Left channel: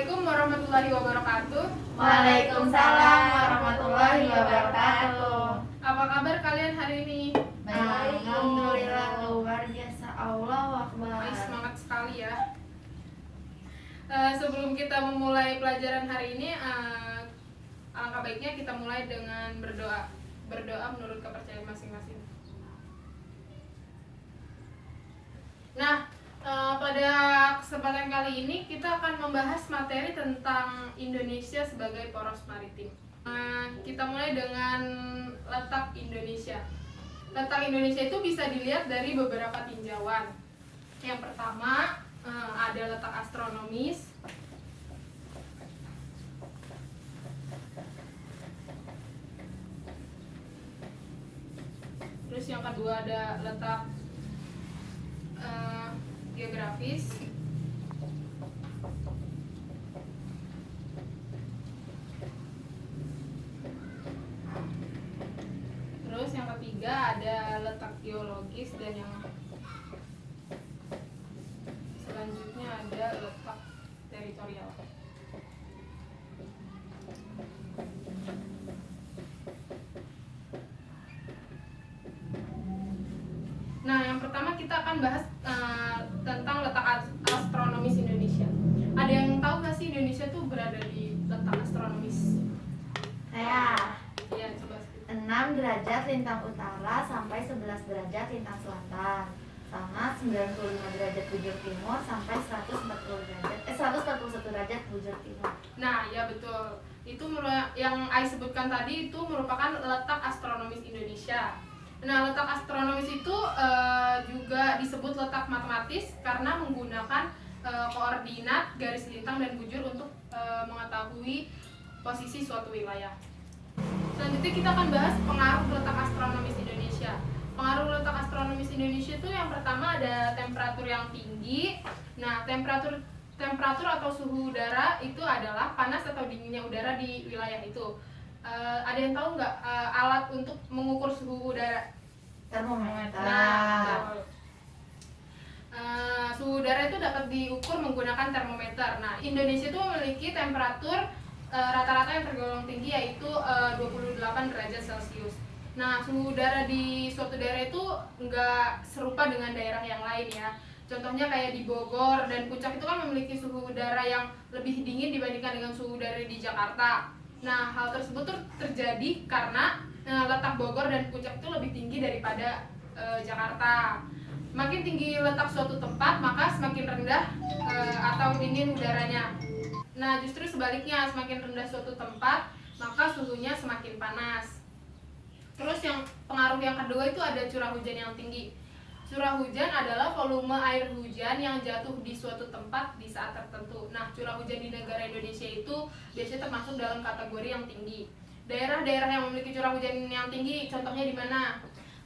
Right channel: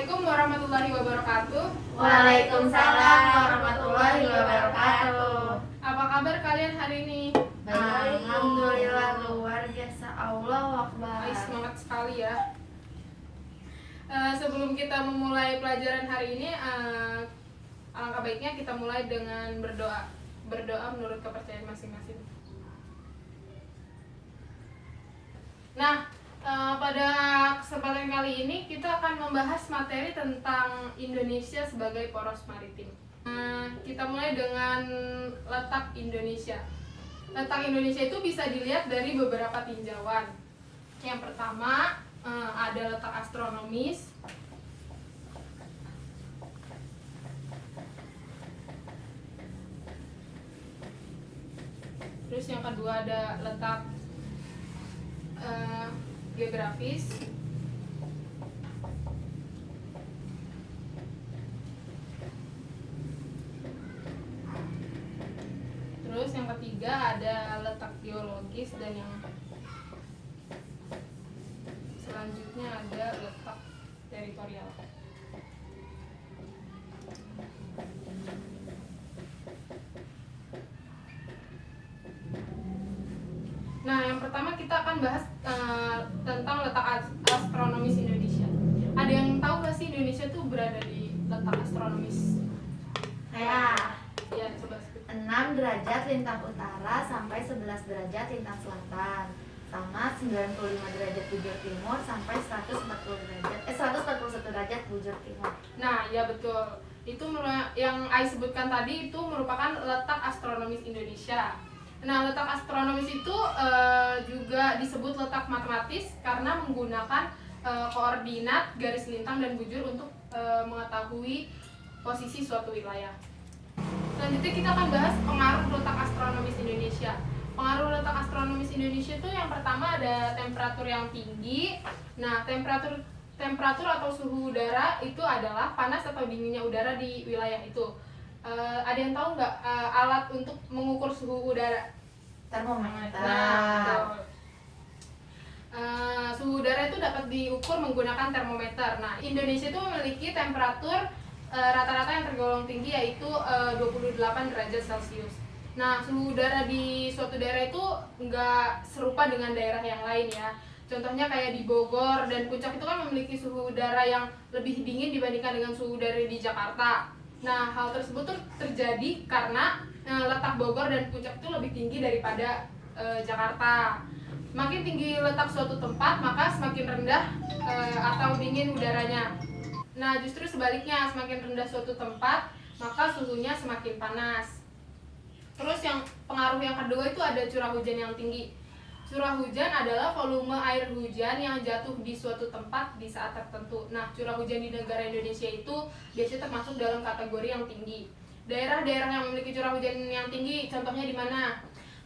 Assalamualaikum warahmatullahi wabarakatuh. Waalaikumsalam warahmatullahi wabarakatuh. Apa kabar kalian hari ini? Baik, alhamdulillah, luar biasa. Allahu Akbar. Semangat sekali ya. Sebelum kita memulai pelajaran hari ini, alangkah baiknya kita mulai dengan berdoa. Berdoa menurut kepercayaan masing-masing. Nah, pada kesempatan kali ini kita akan membahas materi tentang Indonesia sebagai poros maritim. Kita mulai dengan letak Indonesia. Letak Indonesia itu bisa dilihat dari beberapa tinjauan. Yang pertama ada letak astronomis. Terus yang kedua ada letak geografis. Terus yang ketiga ada letak geologis, dan yang selanjutnya ada letak teritorial. Nah, yang pertama kita akan bahas tentang letak astronomis Indonesia. Ada yang tahu nggak sih Indonesia tuh berada di letak astronomis? Ya, Ya, coba sebut. 6 derajat lintang utara sampai 11 derajat lintang selatan, sama 95 derajat bujur timur sampai 141 derajat bujur timur. Nah, ya betul. Itu yang Ai sebutkan tadi itu merupakan letak astronomis Indonesia. Nah, letak astronomis itu juga disebut letak matematis karena menggunakan koordinat, garis lintang, dan bujur untuk mengetahui posisi suatu wilayah. Selanjutnya kita akan bahas pengaruh letak astronomis Indonesia. Pengaruh letak astronomis Indonesia itu yang pertama ada temperatur yang tinggi. Nah, temperatur atau suhu udara itu adalah panas atau dinginnya udara di wilayah itu. Ada yang tahu nggak alat untuk mengukur suhu udara? Termometer. Nah, betul. Suhu udara itu dapat diukur menggunakan termometer. Nah, Indonesia itu memiliki temperatur rata-rata yang tergolong tinggi, yaitu 28 derajat Celcius. Nah, suhu udara di suatu daerah itu nggak serupa dengan daerah yang lain ya. Contohnya kayak di Bogor dan Puncak itu kan memiliki suhu udara yang lebih dingin dibandingkan dengan suhu udara di Jakarta. Nah, hal tersebut tuh terjadi karena letak Bogor dan Puncak itu lebih tinggi daripada Jakarta. Makin tinggi letak suatu tempat, maka semakin rendah atau dingin udaranya. Nah, justru sebaliknya, semakin rendah suatu tempat, maka suhunya semakin panas. Terus yang pengaruh yang kedua itu ada curah hujan yang tinggi. Curah hujan adalah volume air hujan yang jatuh di suatu tempat di saat tertentu. Nah, curah hujan di negara Indonesia itu biasanya termasuk dalam kategori yang tinggi. Daerah-daerah yang memiliki curah hujan yang tinggi, contohnya di mana?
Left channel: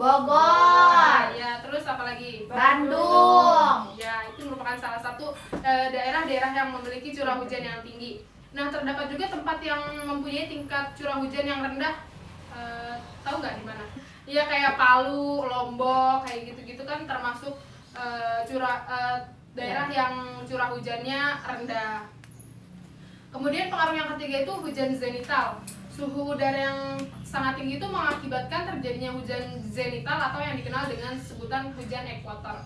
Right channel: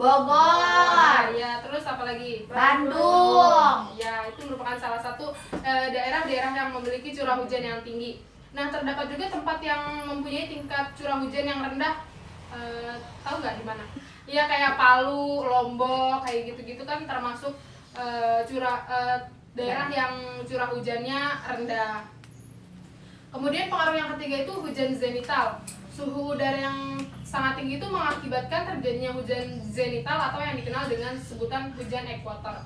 Bogor. Ya, terus apa lagi? Bandung. Ya, itu merupakan salah satu daerah-daerah yang memiliki curah hujan yang tinggi. Nah, terdapat juga tempat yang mempunyai tingkat curah hujan yang rendah. Tahu nggak di mana? Ya, kayak Palu, Lombok, kayak gitu-gitu kan termasuk daerah yang curah hujannya rendah. Kemudian pengaruh yang ketiga itu hujan zenital. Suhu udara yang sangat tinggi itu mengakibatkan terjadinya hujan zenital atau yang dikenal dengan sebutan hujan ekuator.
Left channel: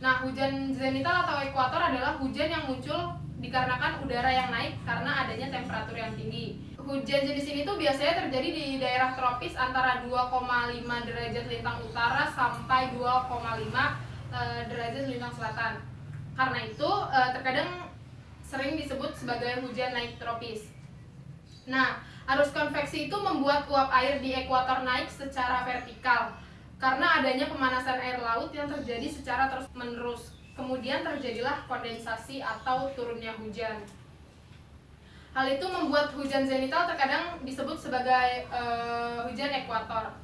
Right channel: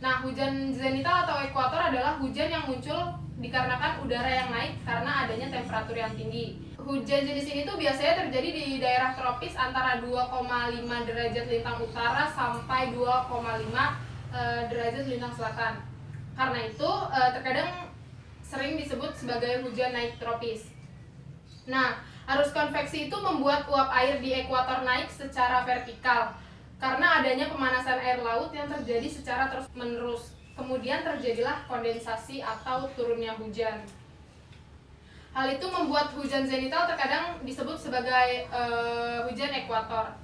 Nah, hujan zenital atau ekuator adalah hujan yang muncul dikarenakan udara yang naik karena adanya temperatur yang tinggi. Hujan jenis ini tuh biasanya terjadi di daerah tropis antara 2,5 derajat lintang utara sampai 2,5 derajat lintang selatan. Karena itu terkadang sering disebut sebagai hujan naik tropis. Nah, arus konveksi itu membuat uap air di ekuator naik secara vertikal karena adanya pemanasan air laut yang terjadi secara terus-menerus. Kemudian terjadilah kondensasi atau turunnya hujan. Hal itu membuat hujan zenital terkadang disebut sebagai hujan ekuator.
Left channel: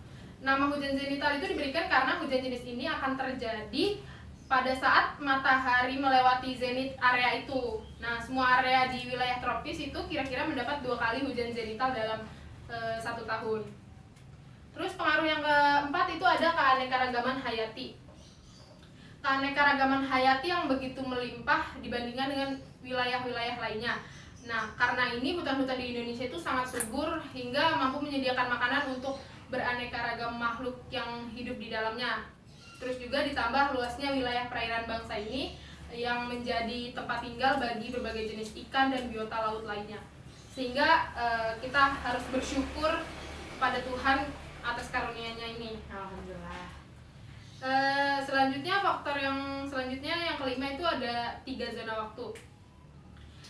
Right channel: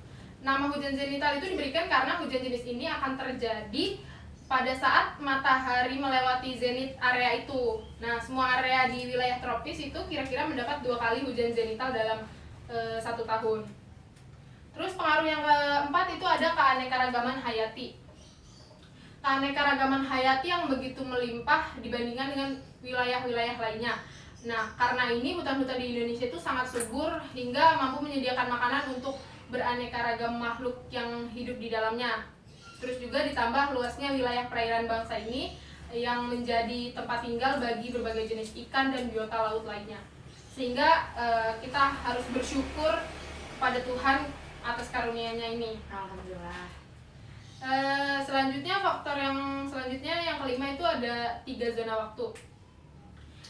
Nama hujan zenital itu diberikan karena hujan jenis ini akan terjadi pada saat matahari melewati zenit area itu. Nah, semua area di wilayah tropis itu kira-kira mendapat 2 kali hujan zenital dalam 1 tahun. Terus pengaruh yang keempat itu ada keanekaragaman hayati. Keanekaragaman hayati yang begitu melimpah dibandingkan dengan wilayah-wilayah lainnya. Nah, karena ini hutan-hutan di Indonesia itu sangat subur hingga mampu menyediakan makanan untuk beraneka ragam makhluk yang hidup di dalamnya. Terus juga ditambah luasnya wilayah perairan bangsa ini yang menjadi tempat tinggal bagi berbagai jenis ikan dan biota laut lainnya. Sehingga kita harus bersyukur pada Tuhan atas karunia-Nya ini. Alhamdulillah. Selanjutnya faktor yang selanjutnya yang kelima itu ada 3 zona waktu.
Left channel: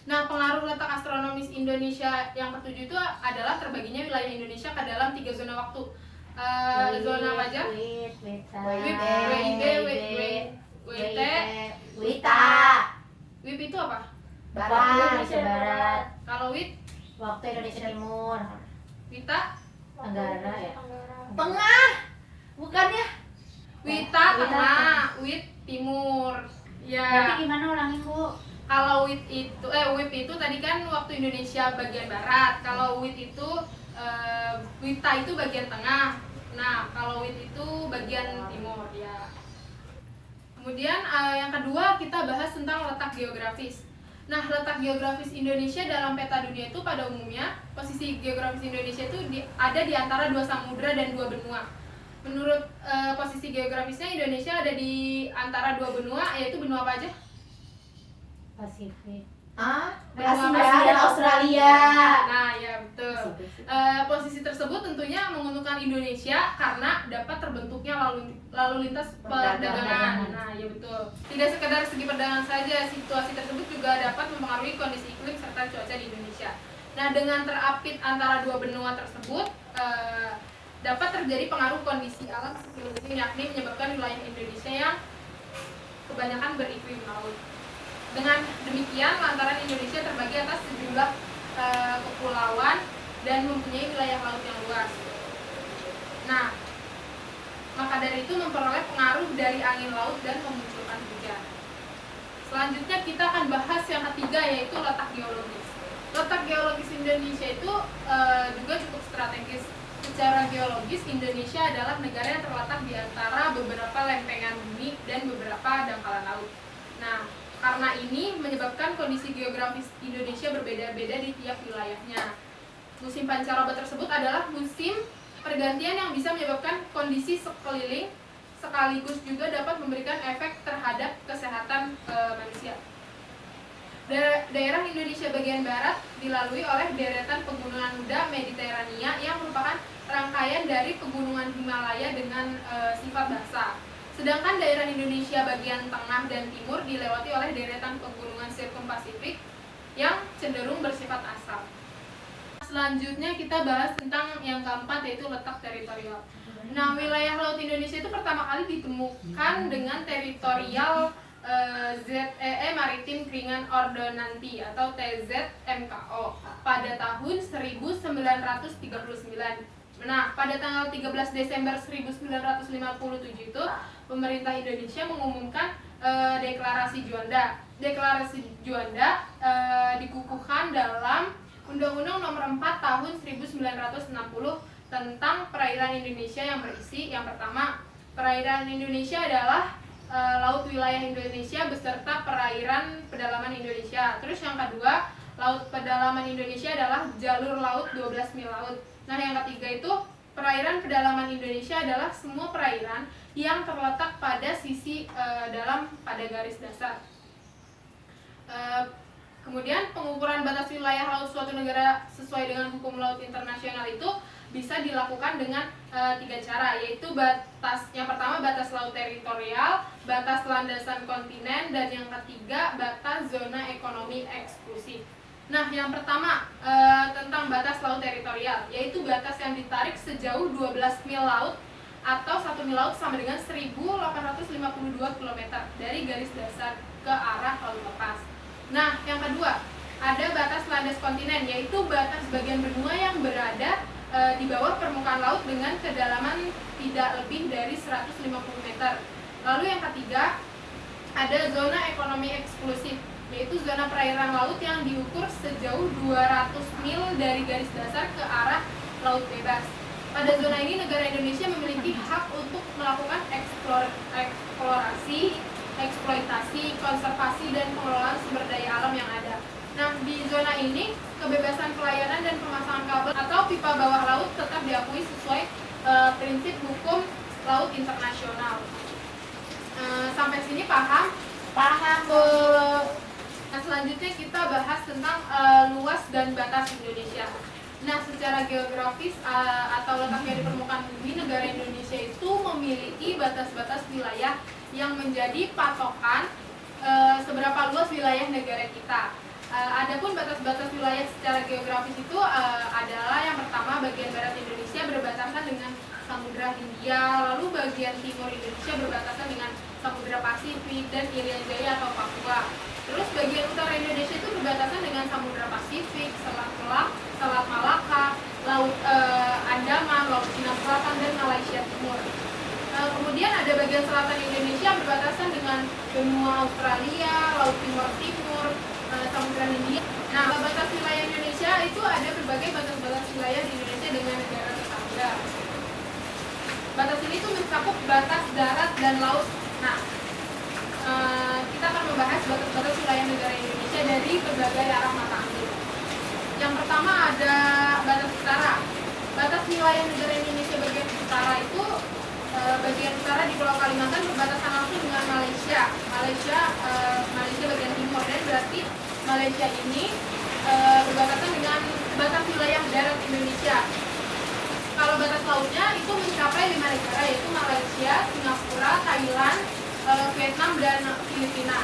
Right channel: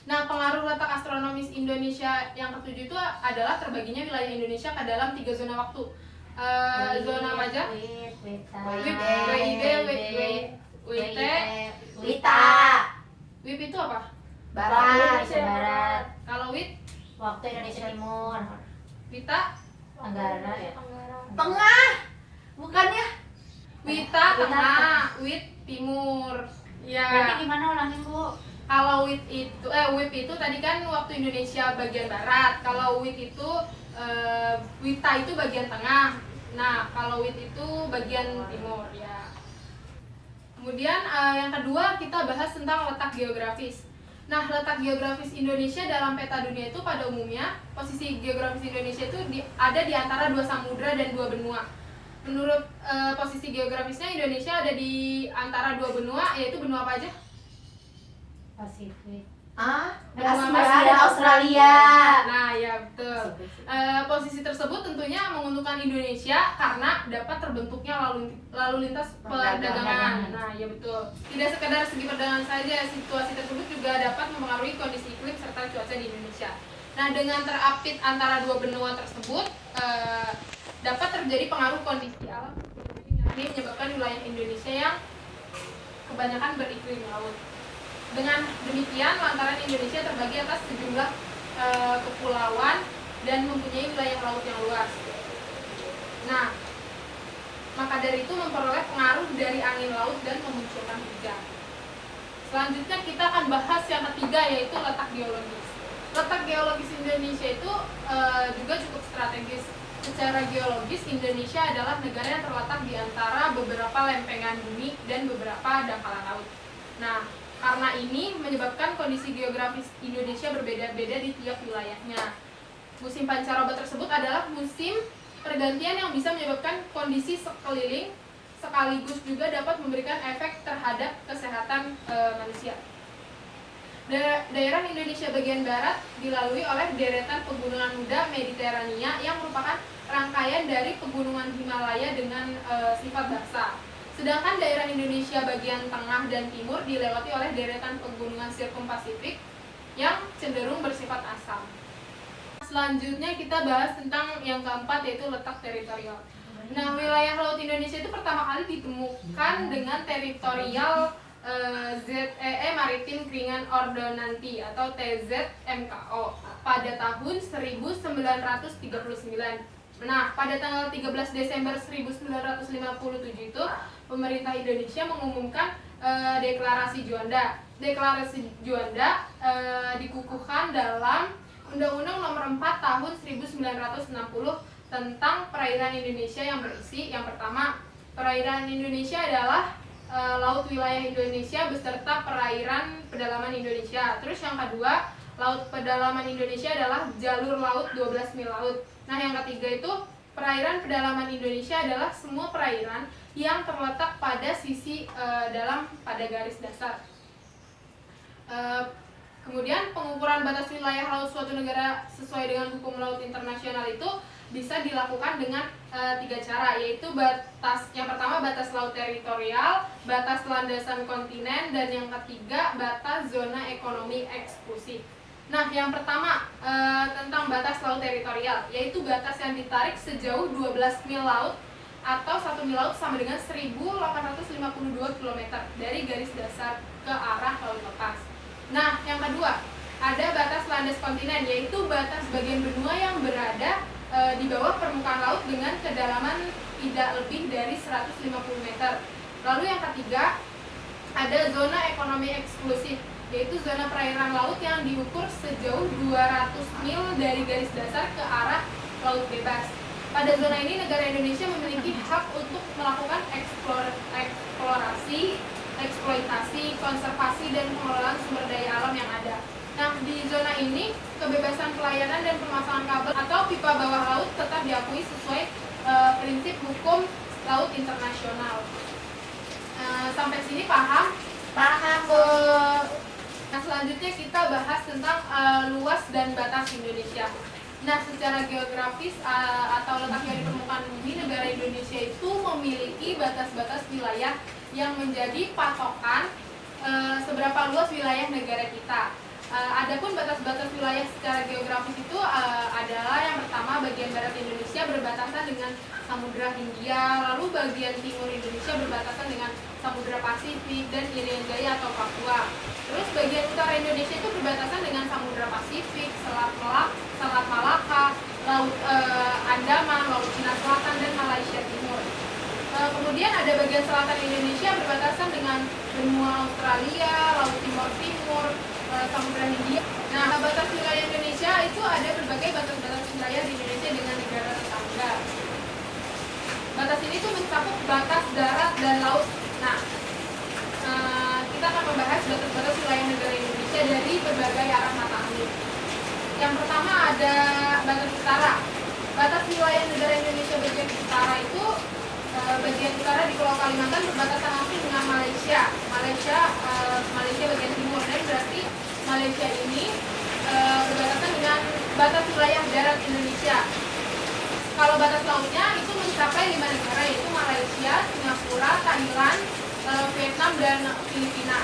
Nah, pengaruh letak astronomis Indonesia yang ketujuh itu adalah terbaginya wilayah Indonesia ke dalam 3 zona waktu. Zona apa aja? Wita. WIP itu apa? Barat, Indonesia Barat. Kalau WIT, Waktu Indonesia Timur. WITA, Tenggara ya. Tengah. Bukannya? WITA tengah, WIT timur. Ya. Berarti gimana ulangin, Bu? Kalau WIP itu tadi kan waktu Indonesia bagian barat. Kalau WIT itu WITA itu bagian tengah. Nah, kalau WIT itu bagian timur ya. Kemudian yang kedua kita bahas tentang letak geografis. Nah, letak geografis Indonesia dalam peta dunia itu pada umumnya posisi geografis Indonesia itu ada di antara 2 samudra dan 2 benua. Menurut posisi geografisnya Indonesia ada di antara 2 benua, yaitu benua apa aja? Pasifik. Benua Asia dan Australia. Nah, ya betul. Posisi tersebut tentunya menguntungkan Indonesia karena dapat terbentuknya lalu lintas perdagangan. Nah, ya betul. Tidak sekedar segi perdagangan saja, situasi tersebut juga dapat mempengaruhi kondisi iklim serta cuaca di Indonesia. Nah, dengan terapit antara 2 benua tersebut dapat terjadi pengaruh kondisi alam seperti yakni menyebabkan wilayah Indonesia yang kebanyakan beriklim laut. Dengan demikian, lantaran Indonesia terbagi atas sejumlah kepulauan dan mempunyai wilayah laut yang luas. Nah, maka dari itu memperoleh pengaruh dari angin laut dan memunculkan hujan. Selanjutnya kita akan bahas yang ketiga, yaitu letak geologis. Letak geologis Indonesia itu juga cukup strategis. Secara geologis, Indonesia adalah negara yang terletak di antara beberapa lempengan bumi dan beberapa dangkalan laut. Nah, karena ini menyebabkan kondisi geografis Indonesia berbeda-beda di tiap wilayahnya. Musim pancaroba tersebut adalah musim pergantian yang bisa menyebabkan kondisi sekeliling sekaligus juga dapat memberikan efek terhadap kesehatan manusia. Daerah Indonesia bagian barat dilalui oleh deretan pegunungan muda Mediterania yang merupakan rangkaian dari pegunungan Himalaya dengan sifat basah. Sedangkan daerah Indonesia bagian tengah dan timur dilewati oleh deretan pegunungan Sirkumpasifik yang cenderung bersifat asam. Selanjutnya kita bahas tentang yang keempat, yaitu letak teritorial. Nah, wilayah laut Indonesia itu pertama kali ditemukan dengan teritorial ZEE Maritim Kringan Ordonanti atau TZMKO pada tahun 1939. Nah, pada tanggal 13 Desember 1957 itu pemerintah Indonesia mengumumkan deklarasi Juanda. Deklarasi Juanda dikukuhkan dalam Undang-Undang Nomor 4 Tahun 1960 tentang perairan Indonesia yang berisi yang pertama, perairan Indonesia adalah laut wilayah Indonesia beserta perairan pedalaman Indonesia. Terus yang kedua, laut pedalaman Indonesia adalah jalur laut 12 mil laut. Nah, yang ketiga itu perairan pedalaman Indonesia adalah semua perairan yang terletak pada sisi pada garis dasar. Kemudian pengukuran batas wilayah laut suatu negara sesuai dengan hukum laut internasional itu bisa dilakukan dengan 3 cara, yaitu yang pertama batas laut teritorial, batas landasan kontinen, dan yang ketiga batas zona ekonomi eksklusif. Nah, yang pertama tentang batas laut teritorial, yaitu batas yang ditarik sejauh 12 mil laut atau 1 mil laut sama dengan 1852 km dari garis dasar ke arah laut lepas. Nah, yang kedua, ada batas landas kontinen, yaitu batas bagian benua yang berada di bawah permukaan laut dengan kedalaman tidak lebih dari 150 meter. Lalu yang ketiga, ada zona ekonomi eksklusif, yaitu zona perairan laut yang diukur sejauh 200 mil dari garis dasar ke arah laut bebas. Pada zona ini negara Indonesia memiliki hak untuk melakukan eksplorasi, eksploitasi, konservasi, dan pengelolaan sumber daya alam yang ada. Nah, di zona ini, kebebasan pelayaran dan pemasangan kabel atau pipa bawah laut tetap diakui sesuai prinsip hukum laut internasional. Sampai sini paham? Paham. Nah, selanjutnya kita bahas tentang luas dan batas Indonesia. Nah, secara geografis atau letaknya di permukaan bumi, negara Indonesia itu memiliki batas-batas wilayah yang menjadi patokan seberapa luas wilayah negara kita. Adapun batas-batas wilayah secara geografis itu adalah yang pertama, bagian barat Indonesia berbatasan dengan Samudra Hindia, lalu bagian timur Indonesia berbatasan dengan Samudra Pasifik dan Irian Jaya atau Papua. Terus bagian utara Indonesia itu berbatasan dengan Samudra Pasifik, Selat Malaka, Laut Andaman, Laut Cina Selatan, dan Malaysia Timur. Kemudian ada bagian selatan Indonesia berbatasan dengan benua Australia, Laut Timur Timur, Samudra Hindia. Nah, batas wilayah Indonesia itu ada berbagai batas-batas wilayah di Indonesia dengan negara tetangga. Batas ini tuh mencakup batas darat dan laut. Nah, kita akan membahas batas-batas wilayah negara Indonesia dari berbagai arah mata angin. Yang pertama ada batas utara. Batas wilayah negara Indonesia bagian utara itu bagian utara di Pulau Kalimantan berbatasan langsung dengan Malaysia. Malaysia bagian timur, dan berarti Malaysia ini berbatasan dengan batas wilayah darat Indonesia. Kalau batas lautnya itu mencapai 5 negara, yaitu Malaysia, Singapura, Thailand, Vietnam, dan Filipina.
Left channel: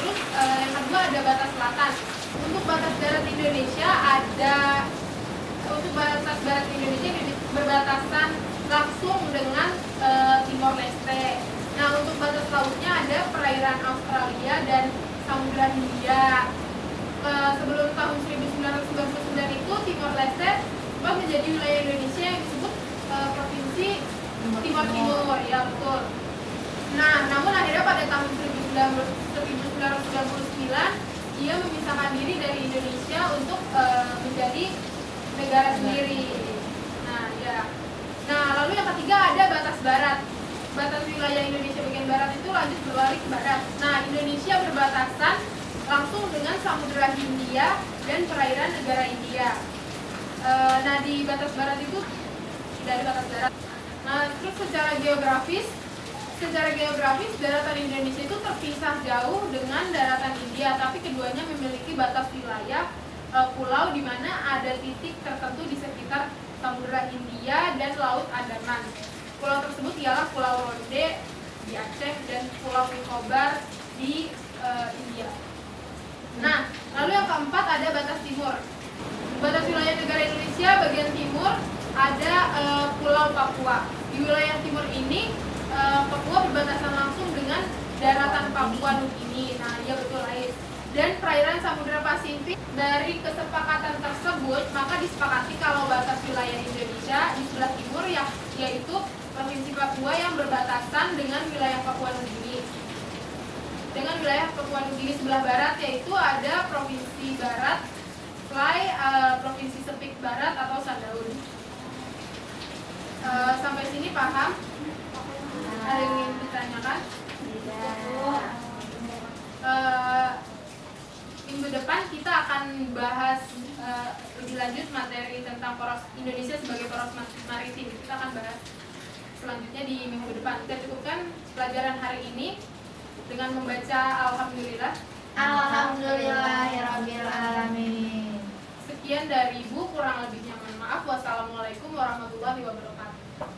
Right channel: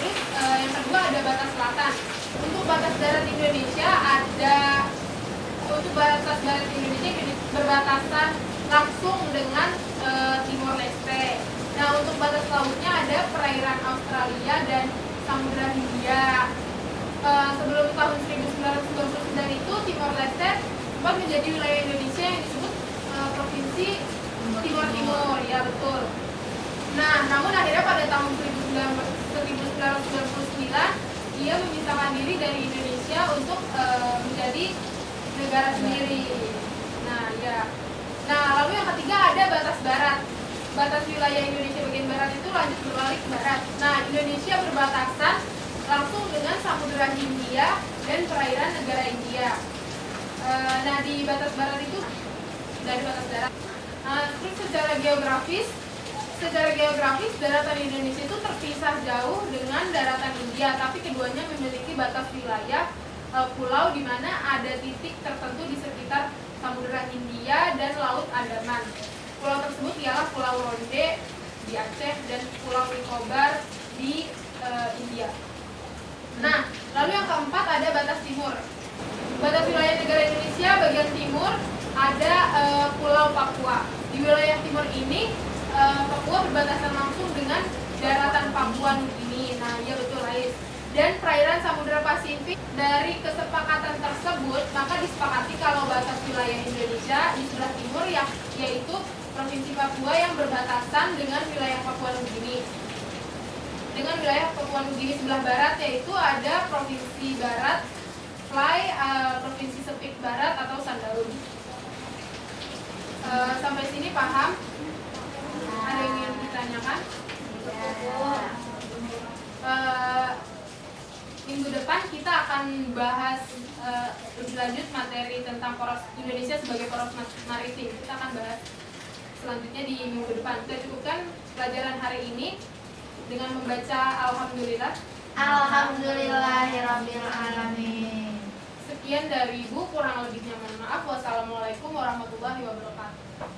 Terus yang kedua ada batas selatan. Untuk batas darat Indonesia berbatasan langsung dengan Timor Leste. Nah, untuk batas lautnya ada perairan Australia dan Samudra Hindia. Sebelum tahun 1999 itu Timor Leste sempat menjadi wilayah Indonesia yang disebut provinsi Timor Timur, ya betul. Nah, namun akhirnya pada tahun 1999 dia memisahkan diri dari Indonesia untuk menjadi negara sendiri. Nah, lalu yang ketiga ada batas barat. Batas wilayah Indonesia bagian barat itu lanjut berbalik ke barat. Nah, Indonesia berbatasan langsung dengan Samudra Hindia dan perairan negara India. Nah, di batas barat itu dari batas darat. Terus secara geografis daratan Indonesia itu terpisah jauh dengan daratan India, tapi keduanya memiliki batas wilayah pulau di mana ada titik tertentu di sekitar Samudra Hindia dan Laut Andaman. Pulau tersebut ialah Pulau Ronde di Aceh dan Pulau Nicobar di India. Nah, lalu yang keempat ada batas timur. Batas wilayah negara Indonesia bagian timur ada Pulau Papua. Di wilayah timur ini Papua berbatasan langsung dengan daratan Papua Nugini. Nah, iya betul, Ais. Dan perairan Samudra Pasifik. Dari kesepakatan tersebut, maka disepakati kalau batas wilayah Indonesia di sebelah timur yaitu Provinsi Papua yang berbatasan dengan wilayah Papua Nugini. Dengan wilayah Papua Nugini sebelah barat yaitu ada Provinsi Barat Fly, Provinsi Sepik Barat atau Sandaun. Sampai sini paham? Ada yang ingin ditanyakan? Minggu depan kita akan bahas lebih lanjut materi tentang poros Indonesia sebagai poros maritim. Kita akan bahas selanjutnya di minggu depan. Kita cukupkan pelajaran hari ini dengan membaca Alhamdulillah. Alhamdulillahirabbil alamin. Sekian dari Ibu, kurang lebihnya mohon maaf. Wassalamualaikum warahmatullahi wabarakatuh.